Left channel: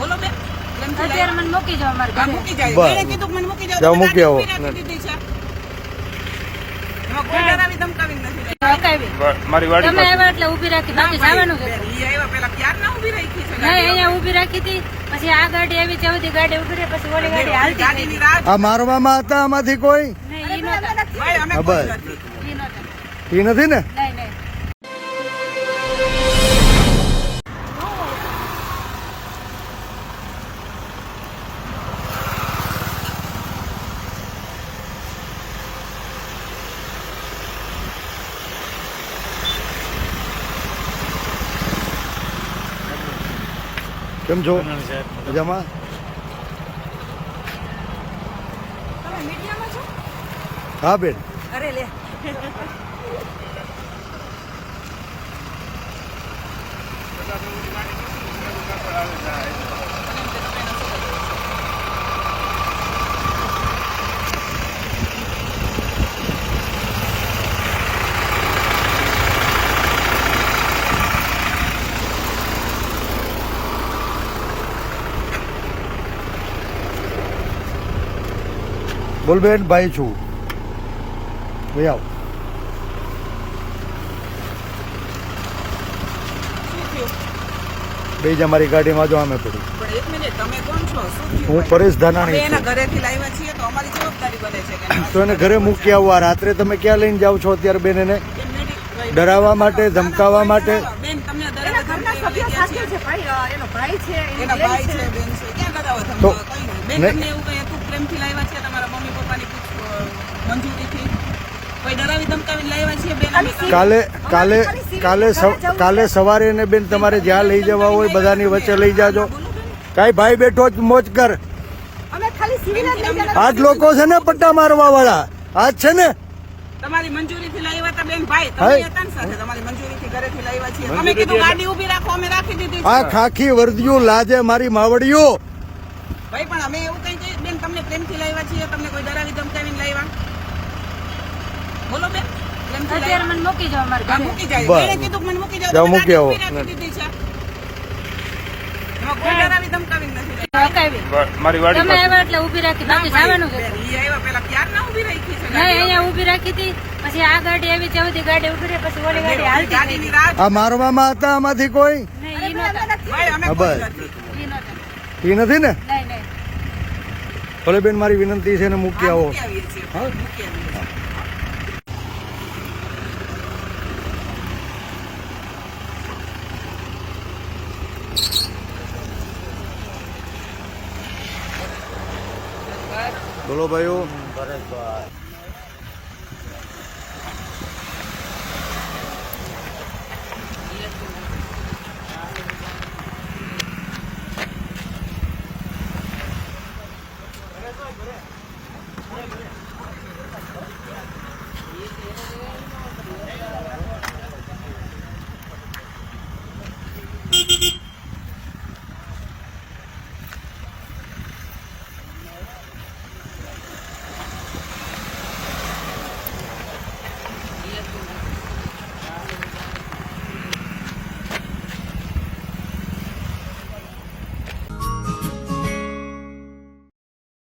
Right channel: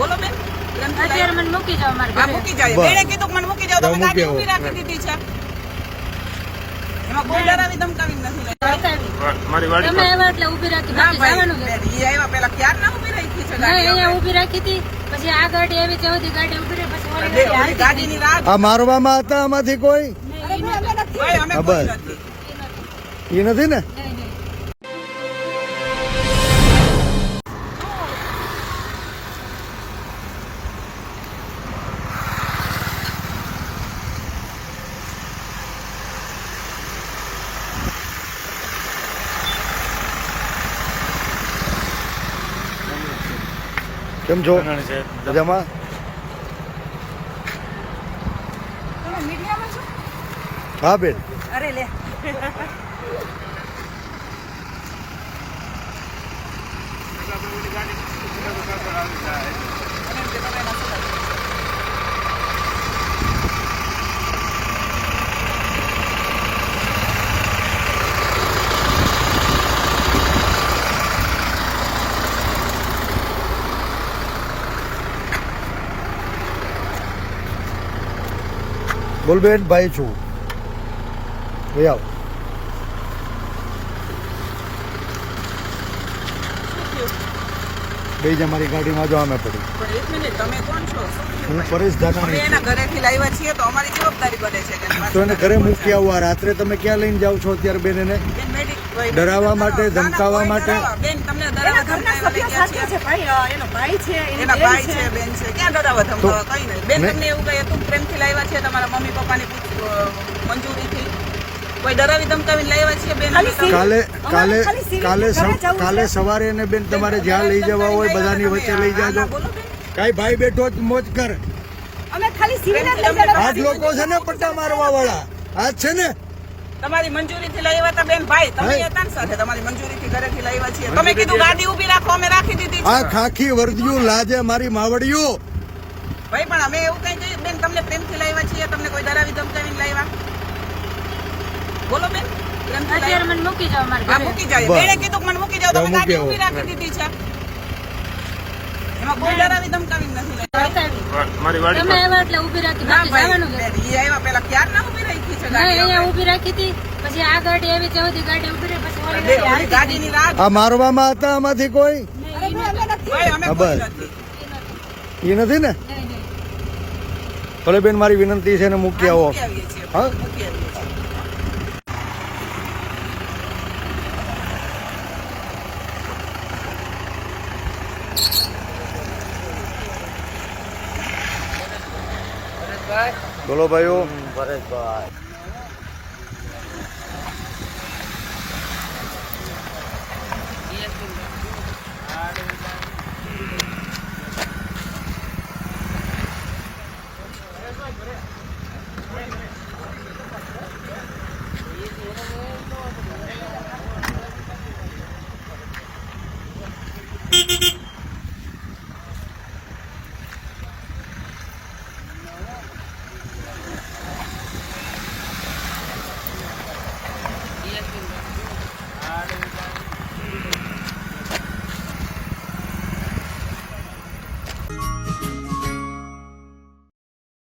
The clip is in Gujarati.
બોલો બેન મૂકી જાઓ. મૂકી જાય કીધું મને મૂકી જાઓ મૂકી રાખી દીધી છે. એમાં કોઈ ડરાવી ધમકાવી નથી તમે આવ્યા એટલે ઊભી રાખી ના બાકી જવાનું જ ભાઈ હતું. બેન, ઈ આવ્યા પેલા ક્યારના ઊભી રાખી છે અહીંયા હવે? રાખી હતી પછી આ ગાડી આવી ત્યાં સુધી ગાડી ઊભી રહી પછી ઓલી ગાડી હાલતી આ મારવામાં હતા આમાંથી કોઈ? બસ. એ નથી ને? કેમ છો? મજામાં? તમે મીડિયામાં છો? હા બેન. અરે લે. અને એમ કે તમે એના સગા છો. બોલ બેન ભાઈ છું. ભાઈ આવ. બે જ અમારી ગાડીમાં જો અમે પડી. પણ એક મિનિટ, તમે કોણ છો? હું પરેશ ધાનાણી ઘરેથી લાવ્યા છીએ તો અમારી જવાબદારી બને છે તો એને ઘરે મૂકી આવવા રાત્રે તમે ક્યાં લઈને જાઓ છો અત્યારે બેન એને? બેન, મેડિક- ભાઈ, ડરાવવા માટે, ધમકાવવા માટે? ડરાવવા. હતું પ્રેમથી લાવ્યા છે. તમારા મમ્મી પપ્પાની મંજૂરીથી. કોઈ ડરાવી ધમકાવીને લાવ્યા છે બેન કાલે કાલે કાલે સવ- કાલે સવારે ને બેન તમારે જ્યાં લઈ જવા હોય બધાની વચ્ચે લઈ જાજો. કાંઈ ભાઈ બેઠો જ મોજ કર. આજ લોકો છે ને પટ્ટા મારવા વાળા આજ છે ને? તમારી મંજૂરીથી લાવ્યા હતા બેન ભાઈ. તમે હતા ને સાથે તમારી મંજૂરીથી ઘરેથી લાવ્યા છીએ. તમે કીધું ગાડી ઊભી રાખો અમે રાખી દીધી આ ખાખી વર્દિયું લાજે મારી માવડિયું. ભાઈ પણ અમે એવું કઈ કહ્યું બેન તમને પ્રેમથી લાવ્યા છીએ તમને કોઈ ડરાવી ધમકાવીને લાવ્યા? બોલો બેન પ્રેમથી લાવ્યા? મૂકી જાઓ હા મૂકી જાય બસ. કીધું મને મૂકી જાઓ જાઓ, તમે ગાડી. રાખી દીધી છે. એમાં કોઈ ડરાવી ધમકાવીને નથી લાવ્યા. તમે આવ્યા એટલે ઊભી રાખી બાકી જવાનું જ હતું. બેન, ઈ આવ્યા પેલા ક્યારના ઊભી રાખી છે ગાડી અહીંયા ઊભી રાખી હતી પછી આ ગાડી આવી ત્યાં સુધી ગાડી ઊભી રહી પછી ઓલી ગાડી હાલતી ગાડીની ગઈ. રાહ આ મારવામાં હતા આમાંથી કોઈ? નહીં નહોતા. બસ. એ નથી ને? ભલે બેન મારી વિનંતી છે ને મૂકી આવો. હા? બોલો ભાઈઓ.